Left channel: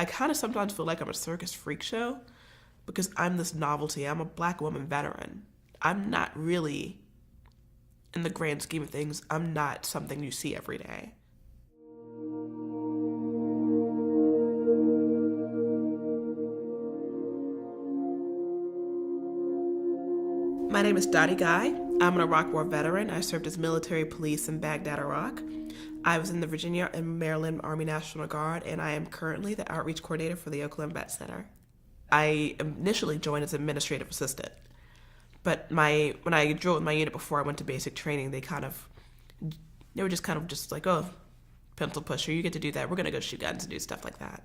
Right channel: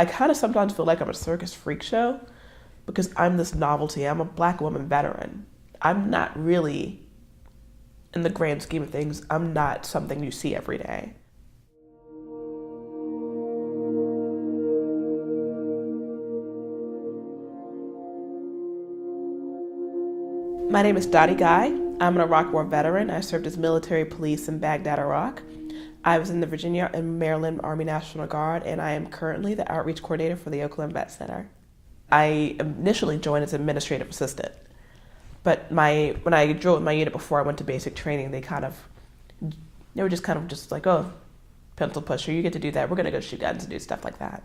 I kind of sometimes feel like I'm a circus freak show because I'm this novelty. I'm a Black woman veteran. I'm not really, in the grand scheme of things, I'm not something you see every day. My name is Dottie Guy. I'm an Iraq War veteran. I served as military police in Baghdad, Iraq. I was in the Virginia and Maryland Army National Guard, and I am currently the outreach coordinator for the Oakland Vet Center. I initially joined as administrative assistant, but when I drove my unit before I went to basic training, they were just like, oh, pencil pusher, you get to do that. We're going to go shoot guns and do stuff like that.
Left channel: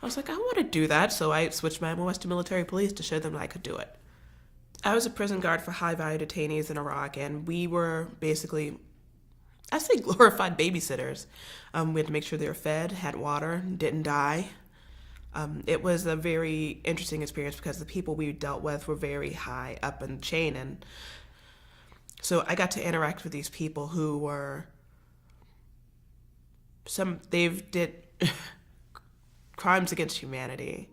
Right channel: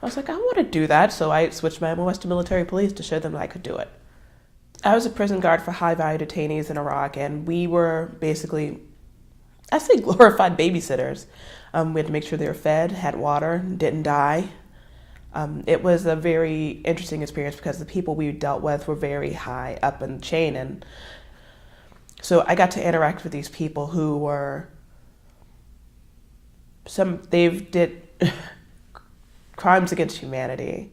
I was like, I want to do that, so I switched my MOS to military police to show them that I could do it. I was a prison guard for high-value detainees in Iraq, and we were basically, I say glorified babysitters. We had to make sure they were fed, had water, didn't die. It was a very interesting experience because the people we dealt with were very high up in the chain, and so I got to interact with these people who were, they've did crimes against humanity.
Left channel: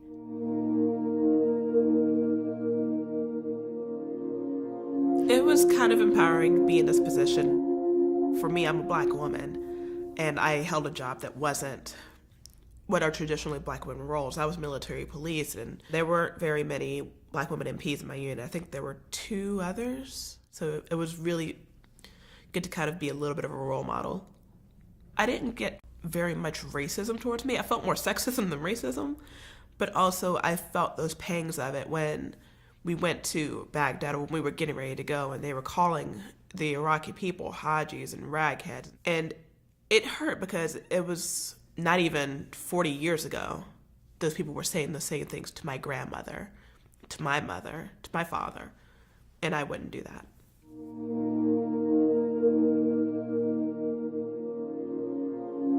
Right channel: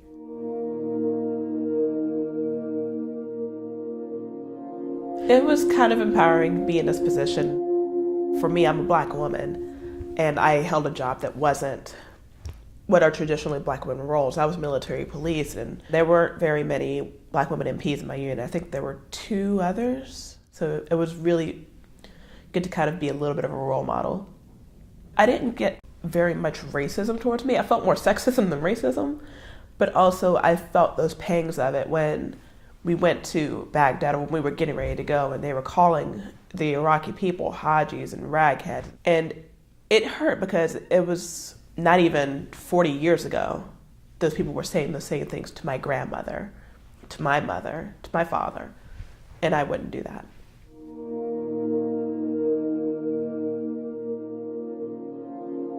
It was kind of empowering to be in this position. For me, I'm a Black woman, and I held a job that wasn't what are traditionally Black women roles. I was military police, and there weren't very many Black women MPs in my unit. I think there were 2 others. So it was really good to kind of be a little bit of a role model. I didn't get very much racism towards me. I felt more sexism than racism, but also I felt those pangs of it when we went to Baghdad, when we were getting ready to go, and they were calling the Iraqi people Hajis and ragheads. And it hurt because it was not even 40 years ago. Those people were saying the same things to my grandmother, to my mother, to my father, and I wouldn't do that.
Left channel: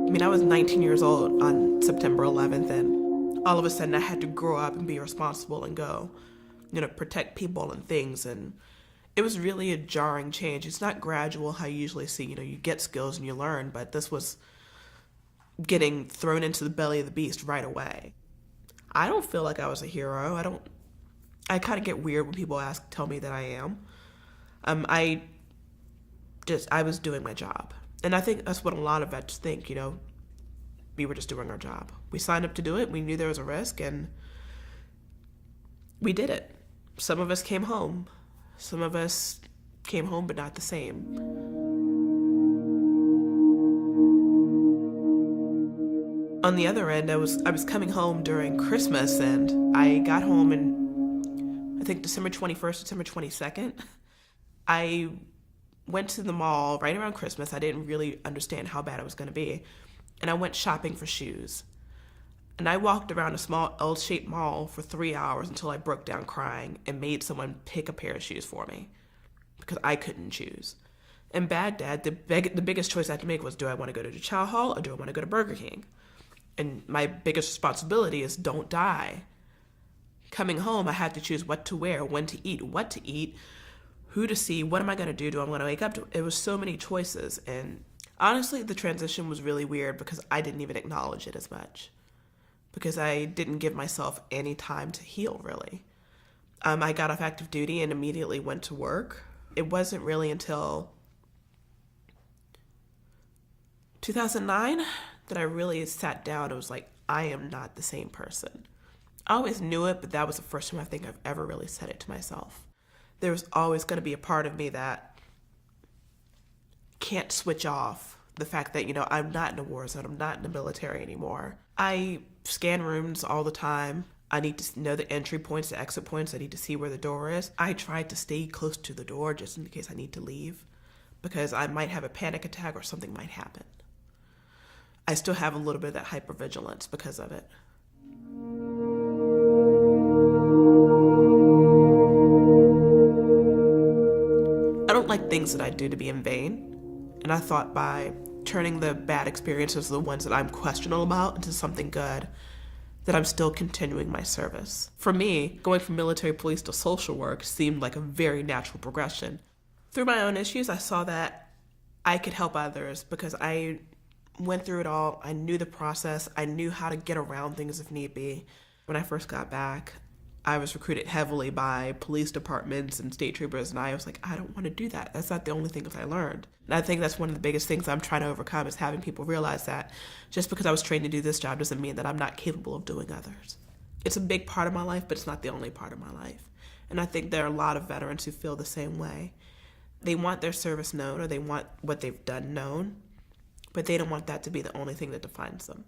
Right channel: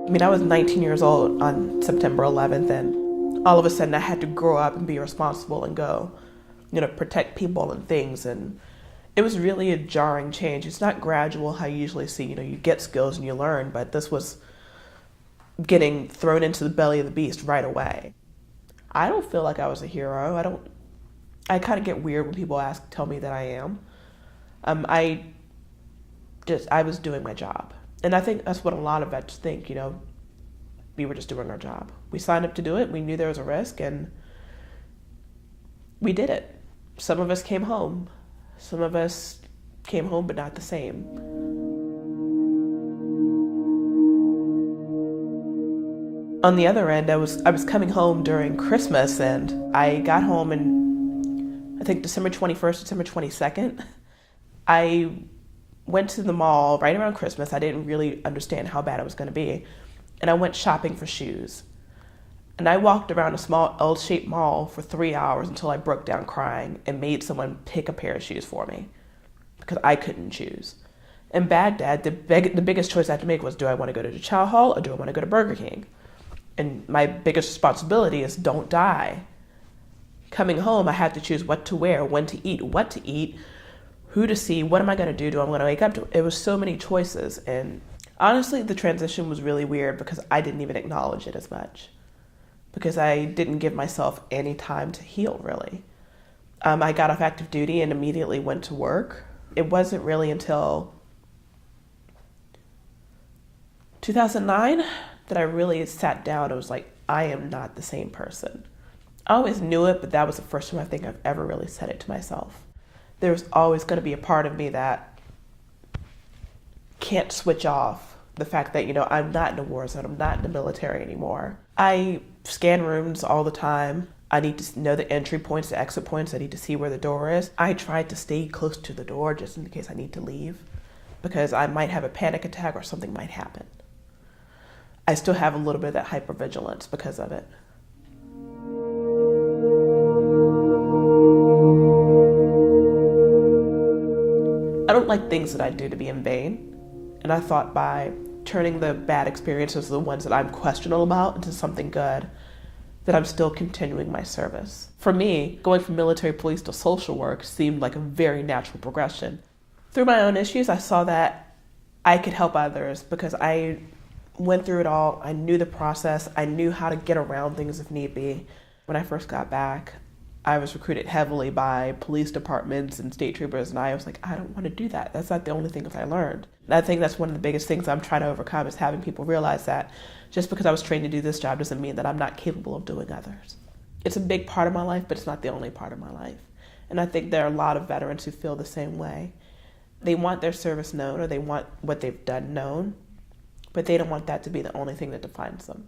I mean, I was 19 years old on September 11th, and all of a sudden I had to grow up and be responsible and go, protect people and things. And it was really a jarring change. It's not gradual how you usually see, you get skills and you learn, but this was getting thrown into the belly of the beast right away. I don't feel like I was a hero. I kind of get weird when people tell me that I am. I was doing my job. And I think that's what a lot of vets think, we were just doing our job. We signed up to do it. We knew there was a risk, and we did it. Some of us came home. Some of us came home, but not the same. On the other end, I was coming home during Christmas, and I got home in, I think, December 21st, December 22nd. I went to the mall right around Christmas. I didn't really understand how bad it was going to be. And I went shopping for shoes. And I walked around a small L-shaped mall for 3 hours until I broke down crying and made someone pick a pair of shoes for me because I couldn't choose. In Baghdad, the biggest choice I had to make was, do I want to go to the Chow Hall or do I want to go to Burger King? And my biggest responsibility is don't die. Coming home, I had to choose what to wear, when to eat, what to eat, who to see, what am I going to do? Do I want to wake up to? It was so many choices. And honestly, the transition was really weird because I didn't even acknowledge it as much, because I didn't give myself any time to heal, really. I got off active duty and immediately went to work. It wasn't really until 2009 that I really sat down and was like, I am not the same person. I always knew it, but that was the first time I think I've ever really said it to myself. There's always going to be a part of me that can't switch off the fact that, I'm not in a war zone, I'm not in the military anymore. I scan rooms all the time. I need to know the entry points, the exit points. I need to see where the door is. I try to stay close to the door just in case I need to leave because I might have a panic attack or something might happen. I still have a little bit of that hypervigilance because of it. I don't like things that I do to be in vain. And I thought by turning the bad experiences, the ones that I'm questionable about, into something good, that I'm still continuing my service. For me, going from military police to social work seemed like a very natural progression. Through my own issues, I saw that I could help others because I went through it all. I knew the process. I knew how to get around things if need be. When I first got back, I was recruited heavily by police departments and state troopers, and I was like, I don't want to do that. That's not the only thing that I learned. And I think that's one of the biggest things I'm trying to overcome, is having people realize that just because I was trained to do this job doesn't mean that I'm not capable of doing others. It's a big part of my life, but it's not the only part of my life. And I think there are a lot of veterans who feel the same way. They want their service known, or they want what they've done known, but they don't want that to be the only thing that defines them.